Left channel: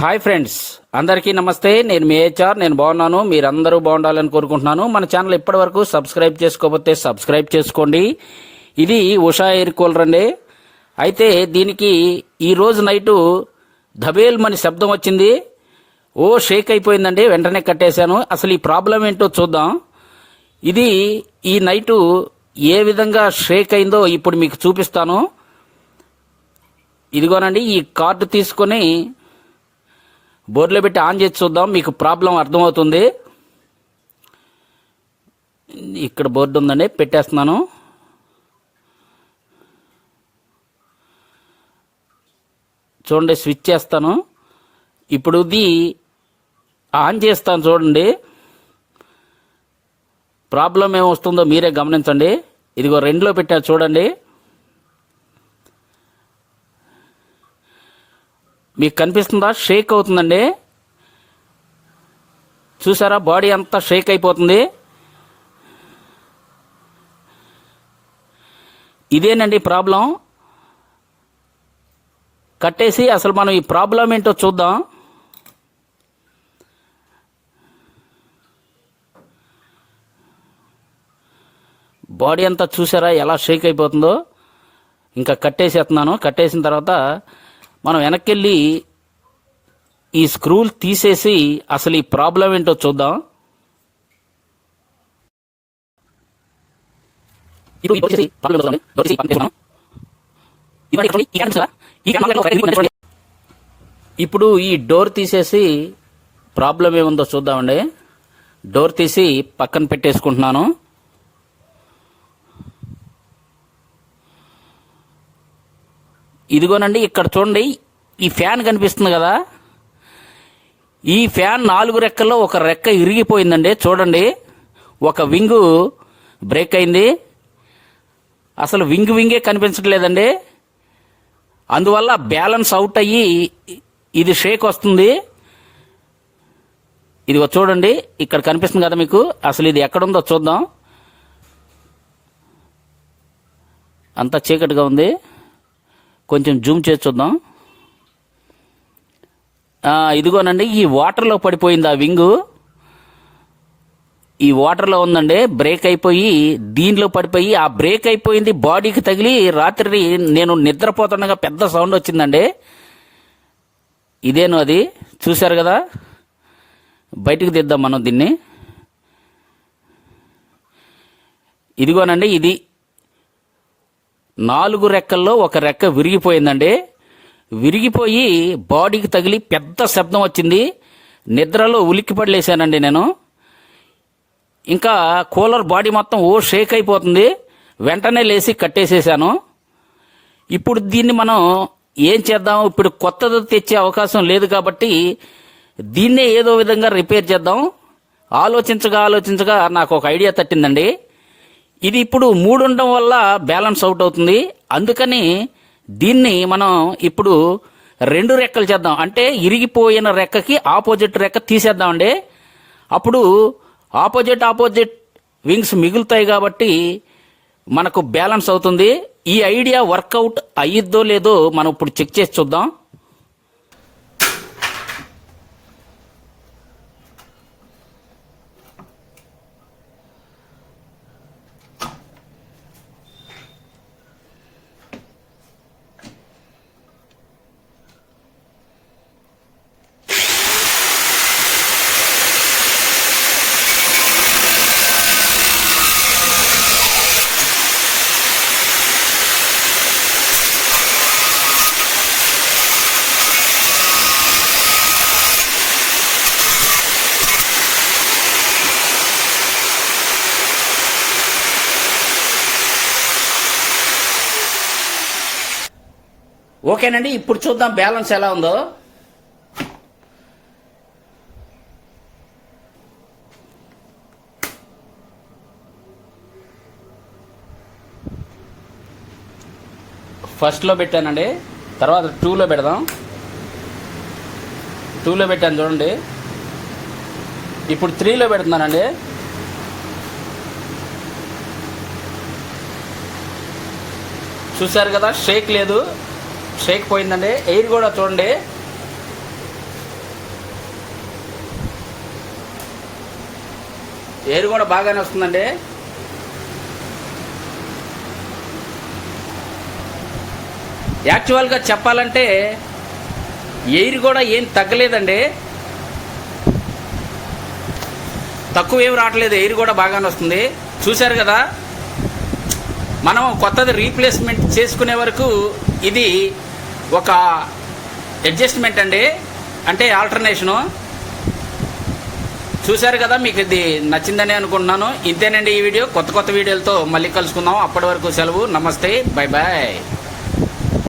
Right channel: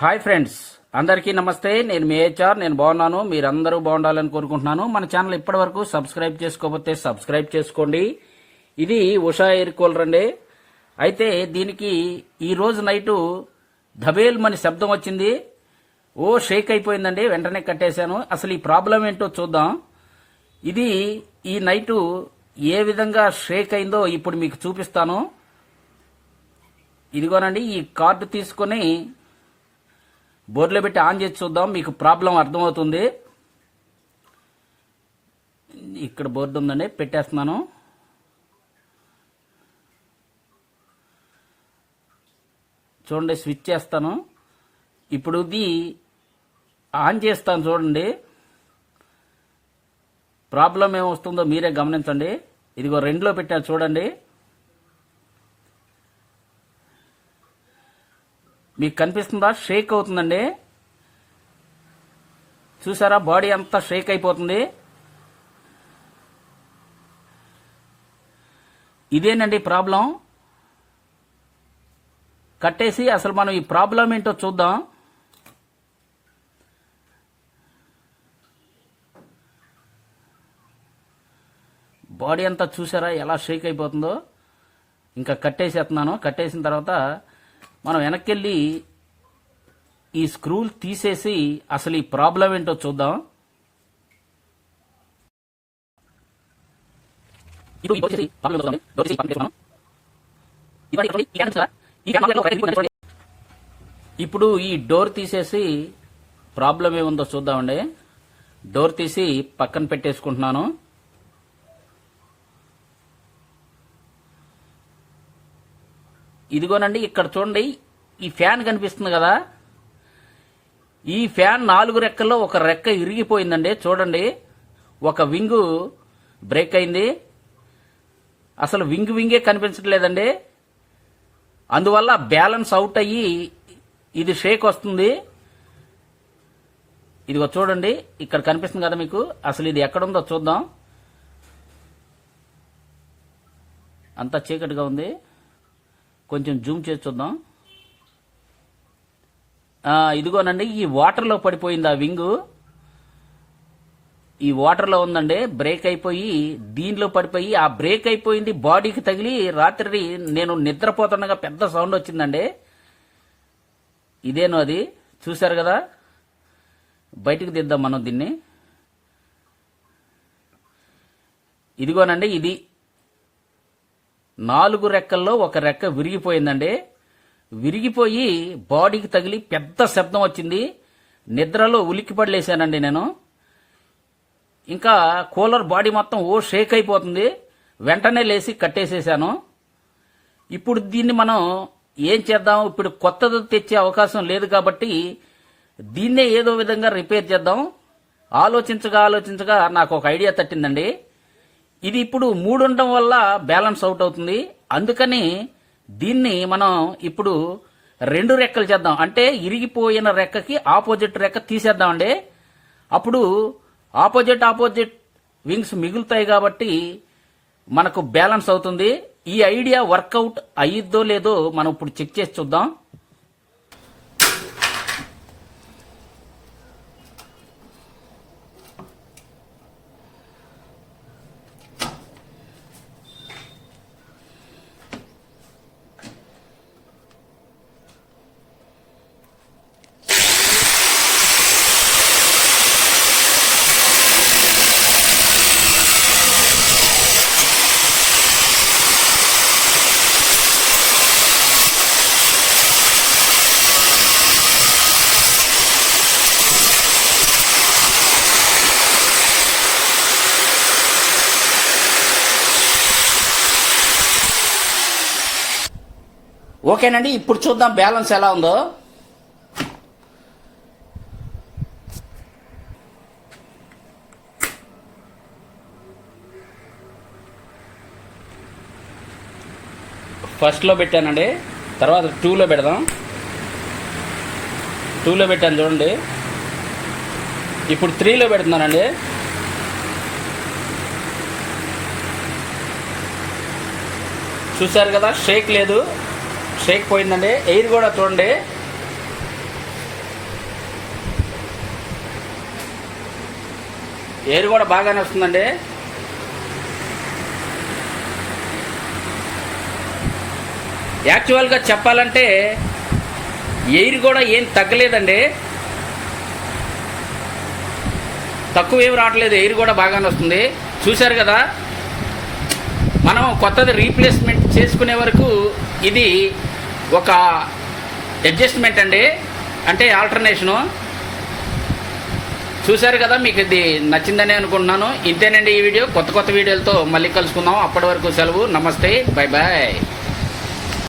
Hi friends అందరికీ నమస్తే. నేను మీ హెచ్ఆర్ నేను బాగున్నాను. మీరందరూ బాగుండాలని కోరుకుంటున్నాను. మన ఛానల్ ఇప్పటివరకు సబ్స్క్రైబ్ చేసుకోకపోతే సబ్స్క్రైబ్ చేసుకోండి. ఇది ఉషా ఎయిర్ కూలర్ అండి. అయితే దీనికి ఈరోజు నైటు ధబేల్ మని శబ్దం వచ్చింది. ఓ షేక్ అయిపోయిందండి. వెంటనే కట్టేశాను. అసలు ఈ ప్రాబ్లం ఏంటో చూద్దాం. ఇది ఈ నైటు ఏ విధంగా షేక్ అయిందో ఇప్పుడు మీకు చూపిస్తాను. ఇదిగోనండి ఈ కార్డు తీసుకొని బోర్లో పెట్టి ఆన్ చేసి చూద్దాం. మీకు ప్రాబ్లం అర్థమవుతుంది. ఇక్కడ బోర్డు ఉందండి. పెట్టేస్తున్నాను. చూడండి స్విచ్ చేస్తాను. ఇప్పుడు ఇది ఆన్ చేస్తాను చూడండి. ప్రాబ్లం ఏమొస్తుందో మీరే గమనించండి. ఇదిగో రెండులో పెట్టారు చూడండి. మీకు కనిపిస్తుందా? షేక్ అవుతుందండి. చూసారా? బాడీ అంతా షేక్ అయిపోతుంది. ఇదేనండి ప్రాబ్లం. కట్టేసి అసలు మనం ఈ ప్రాబ్లం ఏంటో చూద్దాం. బాడీ అంతా చూసారా? ఎలా షేక్ అయిపోతుందో. ఇంకా కట్టేసేస్తున్నాను. కట్టేసిన తర్వాత మనం వెనక్కి వెళ్ళి ఈ స్క్రూలు తీసేసి అసలు ఈ ప్రాబ్లం ఏంటో చూద్దాం. ఇప్పుడు ఈ డోర్ తీసేసి ప్రాబ్లం ఏముందో చూద్దామండి. డోర్ తీసి పక్కన పెట్టేసుకుంటున్నాను. ఇదిగోనండి ఇక్కడ చూడండి ఈ ఫ్యాన్ కనిపిస్తుంది కదా? ఈ ఫ్యాన్ నాలుగు రెక్కల్లో ఒక రెక్క ఇరిగిపోయిందండి చూడండి. ఒక వింగు బ్రేక్ అయింది. అసలు వింగ్ వింగే కనిపించట్లేదండి. అందువల్ల బ్యాలెన్స్ అవుట్ అయ్యి ఇది షేక్ వస్తుంది. ఇదిగో చూడండి ఇక్కడ కనిపిస్తుంది కదా మీకు? అసలు ఇది ఎక్కడుందో చూద్దాం. అంతా చీకటిగా ఉంది. కొంచెం జూమ్ చేసి చూద్దాం. ఇదిగోనండి ఈ వాటర్లో పడిపోయింది ఆ వింగు. ఈ వాటర్లో ఉందండి బ్రేక్ అయిపోయి దీనిలో పడిపోయి ఆ బ్రేక్ అయిపోయింది బాడీకి తగిలి రాత్రి నేను నిద్రపోతుండగా పెద్ద సౌండ్ వచ్చిందండి. ఇదేను అది చూశారు కదా? బయటికి తీద్దాం మనం దీన్ని. ఇదిగోనండి ఇది నాలుగు రెక్కల్లో ఒక రెక్క విరిగిపోయిందండి. విరిగిపోయి బాడీకి తగిలి పెద్ద శబ్దం వచ్చింది. నిద్రలో ఉలిక్కిపడలేశానండి నేను. ఇంకా కూలర్ బాడీ మొత్తం ఓ షేక్ అయిపోతుంది. వెంటనే లేచి కట్టేసేసాను ఇప్పుడు దీన్ని మనం ఏం చేద్దాం? ఇప్పుడు కొత్తది తెచ్చే అవకాశం లేదు కాబట్టి దీన్నే ఏదో విధంగా రిపేర్ చేద్దాం. ఆలోచించగా ఆలోచించగా నాకు ఒక ఐడియా తట్టిందండి. ఇది ఇప్పుడు మూడు ఉండడం వల్ల బ్యాలెన్స్ అవుట్ అవుతుంది. అందుకని దీన్ని మనం ఇప్పుడు రెండు రెక్కలు చేద్దాం. అంటే ఇరిగిపోయిన రెక్కకి ఆపోజిట్ రెక్క తీసేద్దామండి. అప్పుడు ఆపోజిట్ ఆపోజిట్ వింగ్స్ మిగులుతాయి కాబట్టి మనకు బ్యాలెన్స్ అవుతుంది. ఈ ఐడియా వర్కౌట్ అయ్యిద్దో లేదో మనం ఇప్పుడు చెక్ చేసి చూద్దాం. ఓకేనండి ఇప్పుడు చూద్దాం బ్యాలెన్స్ ఎలా ఉందో. ఫస్ట్లో పెట్టానండి తర్వాత టూలో పెడదాం. టూలో పెట్టాను చూడండి. ఇప్పుడు త్రీలో పెడుతున్నానండి. చూసారు కదా షేక్ లేదు. షేక్ పోయిందండి. ఎయిర్ కూడా చూడండి. ఎయిర్ కూడా బాగానే వస్తుందండి. యాక్చువల్గా చెప్పాలంటే ఎయిర్ కూడా ఏం తగ్గలేదండి. తక్కువ ఏం రావట్లేదు. ఎయిర్ కూడా బాగానే వస్తుంది. చూశారు కదా? మనం కొత్తది రీప్లేస్మెంట్ చేసుకునే వరకు ఇది ఒక అడ్జస్ట్మెంట్ అండి. అంటే ఆల్టర్నేషను చూశారు కదా మీకు ఇది నచ్చిందని అనుకుంటున్నాను. ఇంతేనండి ఈ వీడియో. కొత్త కొత్త వీడియోలతో మళ్ళీ కలుసుకుందాం. అప్పటి వరకు సెలవు. నమస్తే. Bye bye